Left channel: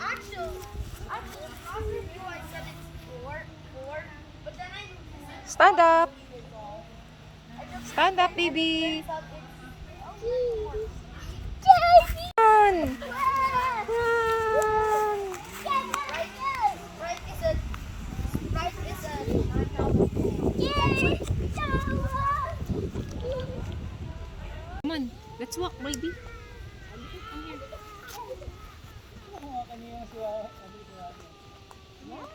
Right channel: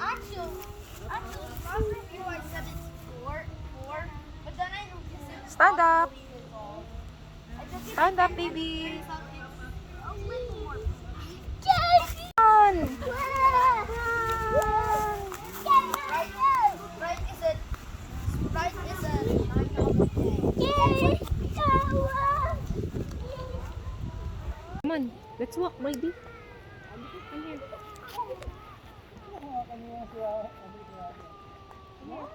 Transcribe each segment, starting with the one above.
Actually, before I said it's four, but then I noticed it's Stand up. I just Stand up, baby. thought it's only four. Yan. Right is a Come on, let's walk, baby.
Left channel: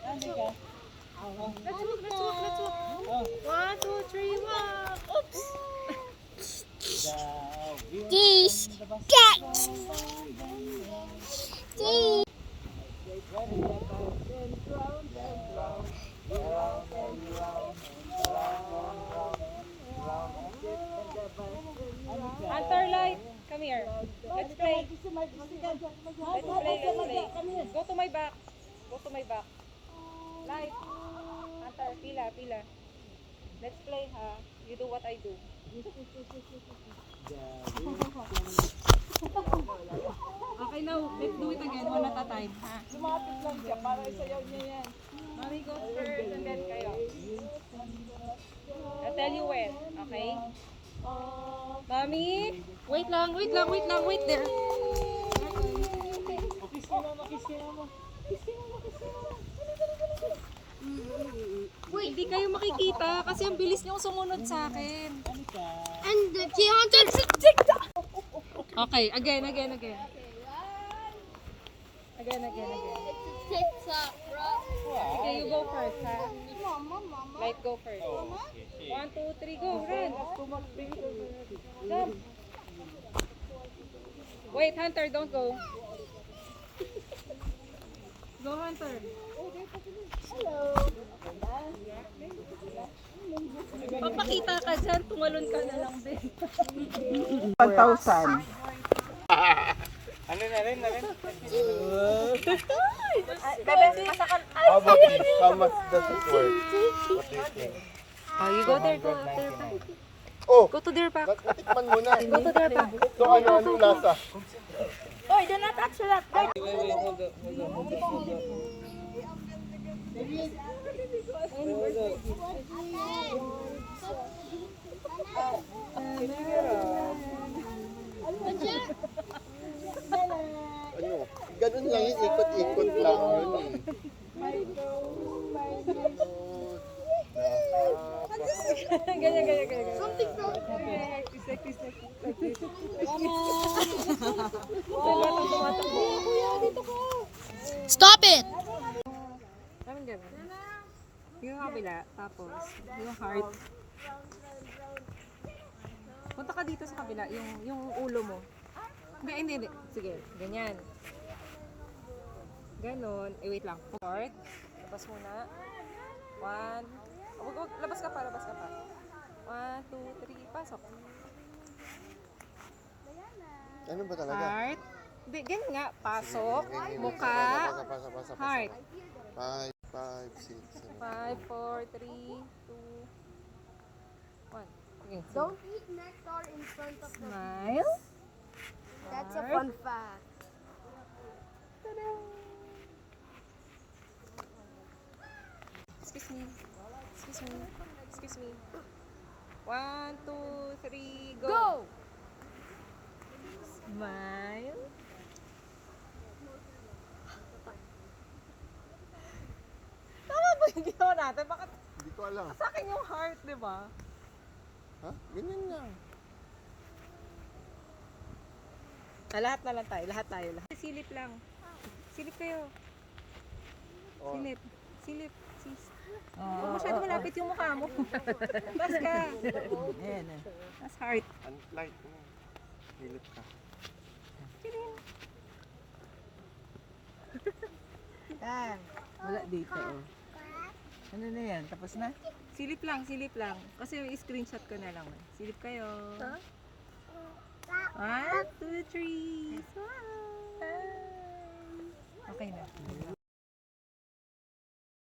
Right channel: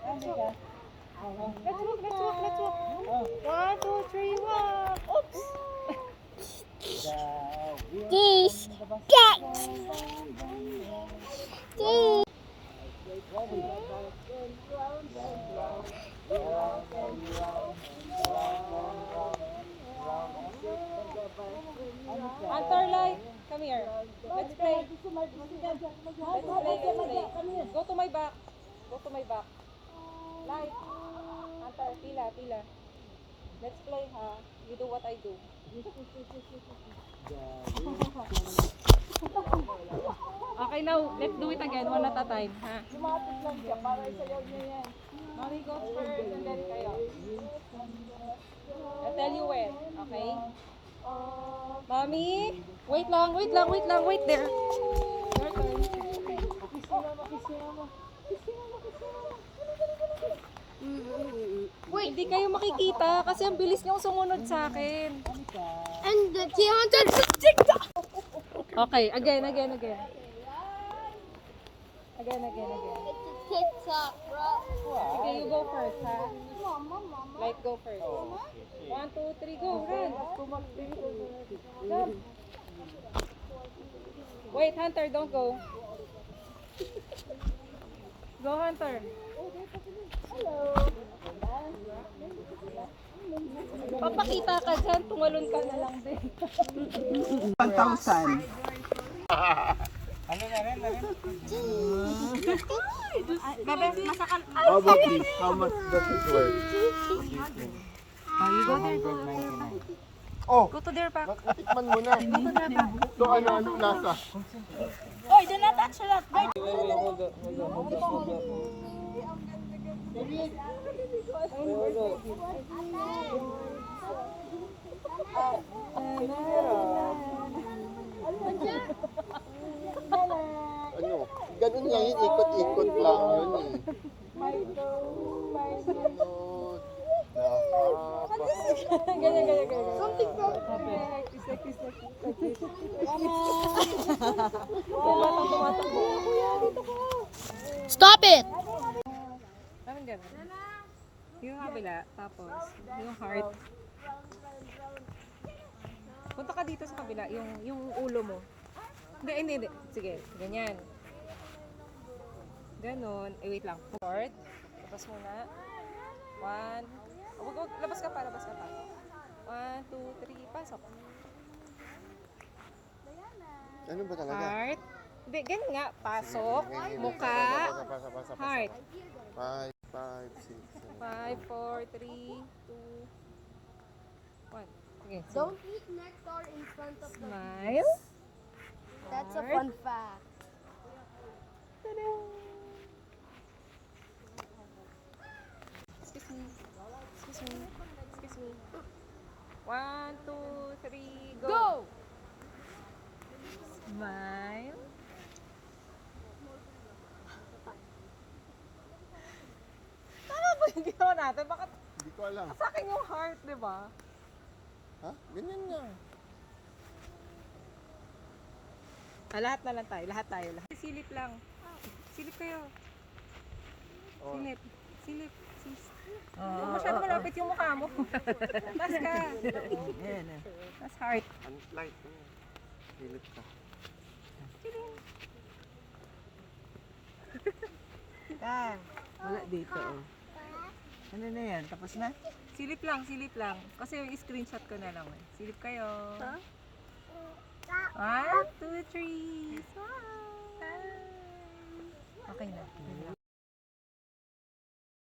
Let's walk. 1, 2, 3, walk. Oops. Geese. Hunter Light, come here. Let's play. Let's play. Go to my back. Go to my back. Light. Hunter, pila. Let's play, ha? You do what I do. Okay, now, let's do it again, one at a time, ha? Lumapit lang siya para isayaw niya yan. Mommy goes first and then kayo. I'll tell you when, okay? Mommy, wait there. Kiss ka mama, kiss ka mama. Wait, hindi kayo makikita kasi ang bilis niyong sumunod sa akin. And the Keontae. Okay, again. Again. It's a TikTok, bro. Okay, you go first, ha? Mama. Light, go first. 1, 2, 3, go, run. Jump. Wait, Hunter, don't go. Go, Hunter. Papakita ka dyan, tumalon ka na lang din. 1,000. How about this? How much does it worth? What do you think? Oh, you go there. 199. Oh! Go to their back. Natikman mo na. So ano yung lasa? Wait, do not touch that. Ano? Ganun lang yun, ikot-ikot lang yun eh. Ganyan. Stop it! Parang ganun. Yung kabila, tapos yung heart. Punta ka dito sa kabila, yung ulo mo. Hindi. Sige, ganyan. Ganon. Wait lang. Heart. Labas muna. 1. Wag, labas ka pa. 1, 2, 3, pasok. Ano ba talaga? Heart. Hindi, ganyan nga. Pasok. Mukha. Heart. 5, 6, 7. 5, 4, 3, 2, 1. Okay. Don't eat nectar in front of the Smile. That's a fun fact. Ta-da! Excuse me. 1, 2, 3, go! Smile. Tama ba yung ginawa natin? Bakit Hindi ko alam. sa akin yung heart, di ba? Ha? Ganyan nga. Lahat na lang tayo. Lahat. Silip lang. Silip kayo. Oh. Silip. Huwag masyado malapit yung mukha mo. Tas ka. Tas heart. Light. Hilip ka. Wala dito, oh. Ano na yan? Tapos na? Silip lang. Kasi yung screenshot ko na lang. Silip kayo. 1, 2, 3. Smile. Okay na.